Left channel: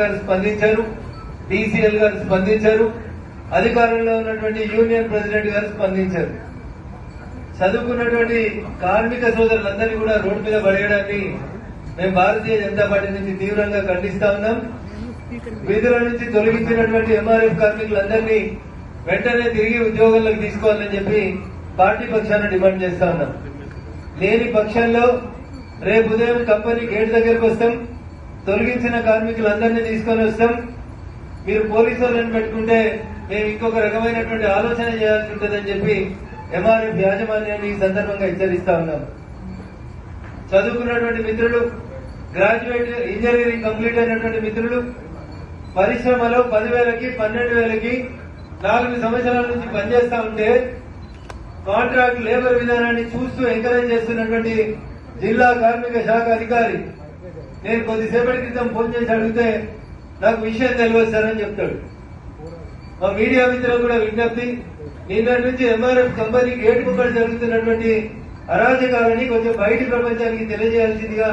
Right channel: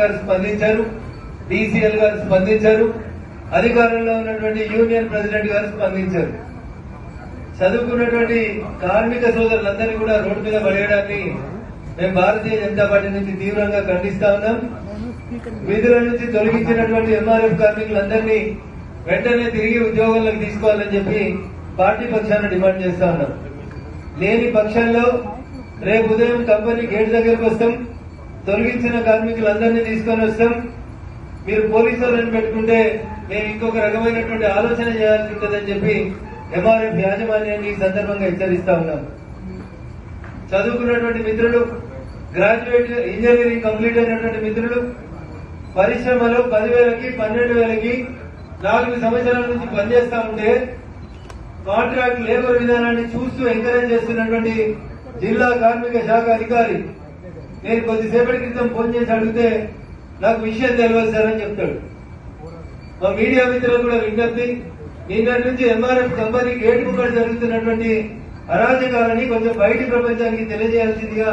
గారు స్పందించారు, డీసీఎల్ గారు స్పందించారు, అధికారంలో ఉన్నటువంటి యూనియన్ ప్రెసిడెంట్ గారు స్పందించారు. చదువుకున్నటువంటి కార్మిక సోదరులందరినీ కూడా రోడ్డు మీద పడేయడాన్ని మేము భారతీయ జనతా పార్టీ నుంచి తీవ్రంగా ఖండిస్తా ఉన్నాం. విధుల నుంచి తొలగించినటువంటి ఎంఆర్ఎఫ్ కార్మికులందరినీ వెంటనే తిరిగి ఉద్యోగాలకు తీసుకోవాలని చెప్పి పార్టీ పక్షాన డిమాండ్ చేస్తా ఉన్నాం. లేని పక్షంలో రేపు ఉదయం కంపెనీ గేట్ దగ్గరకు వస్తాం, తొలగించిన కార్మికులందరినీ తీసుకొని వస్తాం. మీరు పోలీసు వాళ్ళని పెట్టుకుంటే మేము ఇంకొక రకమైనటువంటి ఆలోచన చేయాల్సి ఉంటుందని చెప్పి ఎంఆర్ఎఫ్ యాజమాన్యాన్ని ఈ సందర్భంగా హెచ్చరిస్తా ఉన్నాం. చదువుకున్నటువంటి మిత్రులు, గ్రాడ్యుయేట్ ఇంజనీరింగ్ కంప్లీట్ అయినటువంటి మిత్రులు పరిశ్రమలో 10,000కి 12,000కి 4 సంవత్సరాల నుంచి పనిచేస్తా ఉంటే కాంట్రాక్ట్ లేబర్ విధానాన్ని చూస్తూ ఎంకరేజ్ చేస్తున్నటువంటి జిల్లా కార్మిక శాఖ అధికారి నేను కొద్దిసేపటి క్రితం ఫోన్ చేసి అడిగితే నాకు విషయం తెలియదు సార్ అని చెప్తాడు. మా మీడియా మిత్రులు కూడా విజ్ఞప్తి, నిన్నటి నుంచి ఎంఆర్ఎఫ్ కంపెనీ గేట్ ముంగట జరుగుతున్నటువంటి అరాజకాలని కొంచెం బయటి ప్రపంచానికి తెలియజేయాల్సిందిగా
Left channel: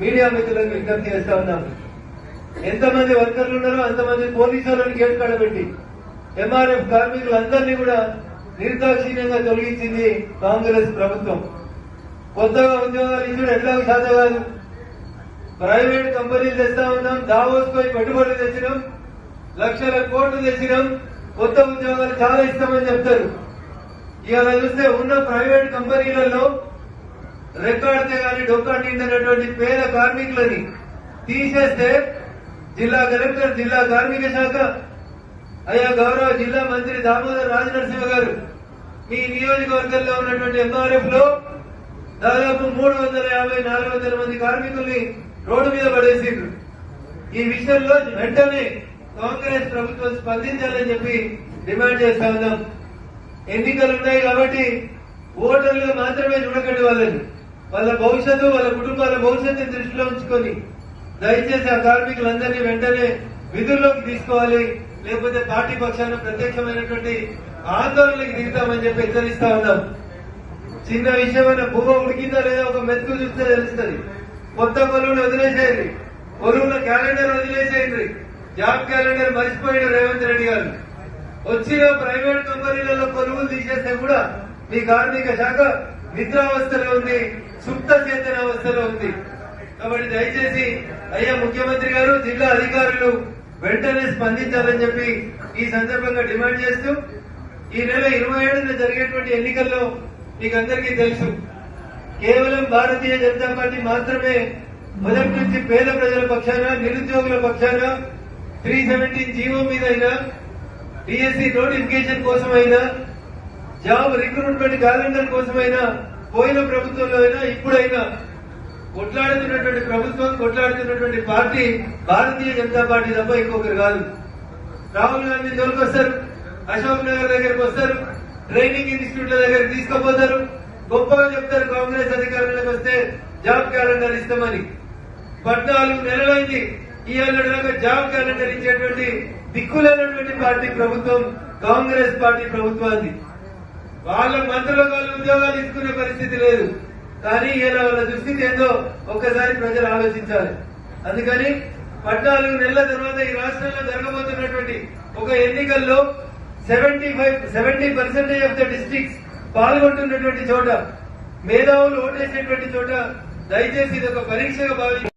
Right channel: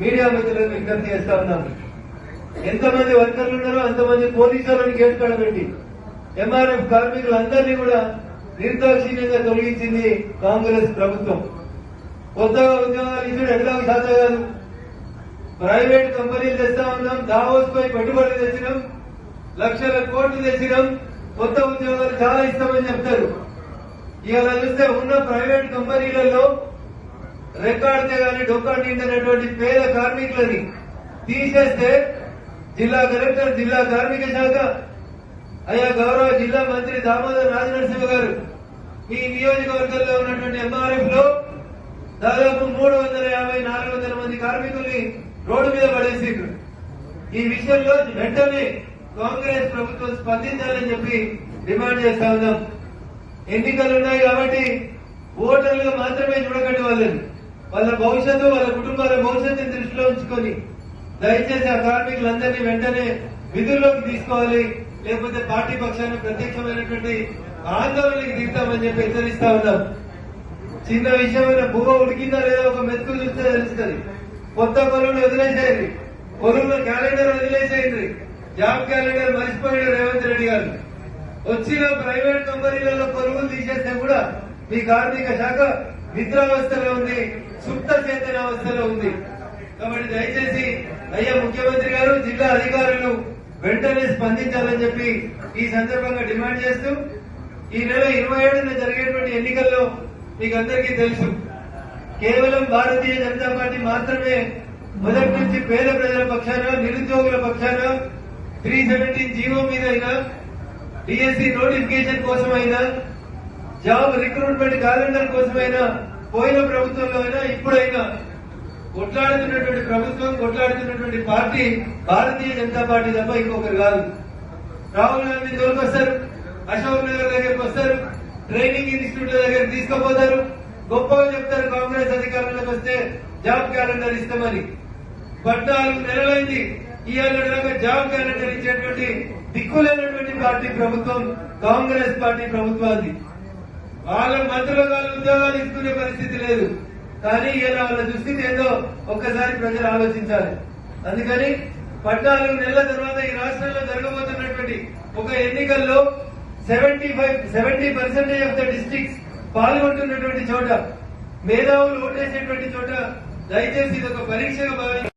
మీడియా మిత్రులకు విజ్ఞప్తి చేస్తా ఉన్నాం. ఎంతమంది వర్కర్లు ఉన్నారో అంతమంది పోలీసులను గేట్ కడబెట్టి ఎంఆర్ఎఫ్ కార్మికులందరినీ కూడా నిర్దాక్షిణ్యంగా తొలగించింది కాంగ్రెస్ ప్రభుత్వం. కొత్తగా ఉద్యోగాలు ఇచ్చుడు ఎట్లా సాధ్యం కాదు. ప్రైవేట్ కంపెనీలు తెస్తా ఉన్నాం, దావోస్ పై పెట్టుబడి తెచ్చినాం, లక్షల కోట్లు తెచ్చినాం, కొత్త ఉద్యోగాలు చాలా ఇస్తామని చెప్తారు. ఇవాళ చూస్తే ఉన్న ప్రైవేట్ కంపెనీలలో రెక్కాడితే గాని డొక్కాడినటువంటి పేద కార్మికులని తీసేస్తే జిల్లా కలెక్టర్, జిల్లా కార్మిక శాఖ, అయ్యా గౌరవ జిల్లా మంత్రి దామోదర్ రాజనరసింహ గారు మీ నియోజకవర్గంలో ఉన్నటువంటి ఎంఆర్ఎఫ్ లో దాదాపు 350-400 మంది కార్మికుల్ని రోడ్డు మీద పడేసిండ్రు. ఈ విషయంలో వెంటనే కాంగ్రెస్ ప్రభుత్వం స్పందించాలని చెప్పి డిమాండ్ చేస్తా ఉన్నాం. ఎన్నికలు ఉన్నాయి కాబట్టి ఓటర్లుగా మాత్రమే చూడకండి వాళ్ళని, వాళ్ళ భవిష్యత్తు, వాళ్ళ కుటుంబాల భవిష్యత్తుని దృష్టిలో ఉంచుకొని దయచేసి ఆ కార్మికులందరినీ వెంటనే విధుల్లోకి తీసుకోవాలి, లేకపోతే పార్టీ పక్షాన ప్రత్యక్షమైనటువంటి ఆందోళనకి దిగుతామని చెప్పి హెచ్చరిస్తా ఉన్నాం. చిన్న విషయమైన భూమ ఉడికిందా లేదా ఒక మెతుకు చూస్తే తెలుస్తుంది. కొత్త కొలువులు వదిలేసేయండి, కొలువుల క్యాలెండర్ వదిలేసేయండి. జాబ్ క్యాలెండర్ మర్చిపోయాడు రేవంత్ రెడ్డి గారు. వచ్చిన ప్రైవేట్ కంపెనీలలో కొలువులు తీసేస్తే కూడా మీ కార్మిక శాఖ నిద్రావస్థలో ఉంది, సుప్త చేతనావస్థలో ఉంది. కాబట్టి దయచేసి అయ్యా ముఖ్యమంత్రి గారు, జిల్లా అధికారులు వెంటనే స్పందించాలని చెప్పి ఈ సందర్భంగా డిమాండ్ చేస్తూ, ఈ నెల 27న జరిగేటువంటి ఎన్నికల్లో మీకందరికీ తెలుసు, కేవలం భారతీయ జనతా పార్టీ మాత్రమే మొదటి నుంచి పేద ప్రజల పక్షాన, నిరుద్యోగుల పక్షాన 317 జీవో మీద అయినా, డిఎస్సి నోటిఫికేషన్ కోసమైనా, జాబ్ రిక్రూట్మెంట్ క్యాలెండర్ కోసమైనా, పోయిన ప్రభుత్వంలో అయినా ఇప్పుడైనా కొట్లాడుతున్నటువంటి ప్రభుత్వం, కొట్లాడుతున్నటువంటి పార్టీ భారతీయ జనతా పార్టీ తప్ప ఇంకొకరు కాదు. రాహుల్ గాంధీ దొరికొస్తారు, అశోక్ నగర్ దగ్గరకు వస్తారు, ట్రైనింగ్ ఇన్స్టిట్యూట్ల దగ్గర తీసుకుపోతారు, గొప్పగా చెప్తారు కాంగ్రెస్ అధికారంలోకి వస్తే జాబ్ క్యాలెండర్ ఇస్తామని. 14 నెలలైంది, ఇవాళ దాకా జాబ్ క్యాలెండర్ ఇచ్చేటువంటి దిక్కులేనటువంటి పార్టీ ప్రభుత్వం కాంగ్రెస్ పార్టీ ప్రభుత్వాన్ని. వాళ్ళ మంత్రుల వాళ్ళ ఉద్యోగాలు ఇస్తున్న పరిస్థితి లేదు. కానీ ఇలా వాళ్ళ దుస్థితి ఏందో ఒక్కసారి ప్రజలు ఆలోచించాలి. అందుకని 14 నెలల తర్వాత ఈ రాష్ట్రంలో జరగబోతున్నటువంటి ఒక ఎన్నికల్లో 70% ఆఫ్ ద డిస్ట్రిక్ట్స్ పాల్గొంటున్నటువంటి చోట, మేధావులు ఓటేసేటువంటి చోట దయచేసి ఇది ఒక పరీక్షగా భావించాలి.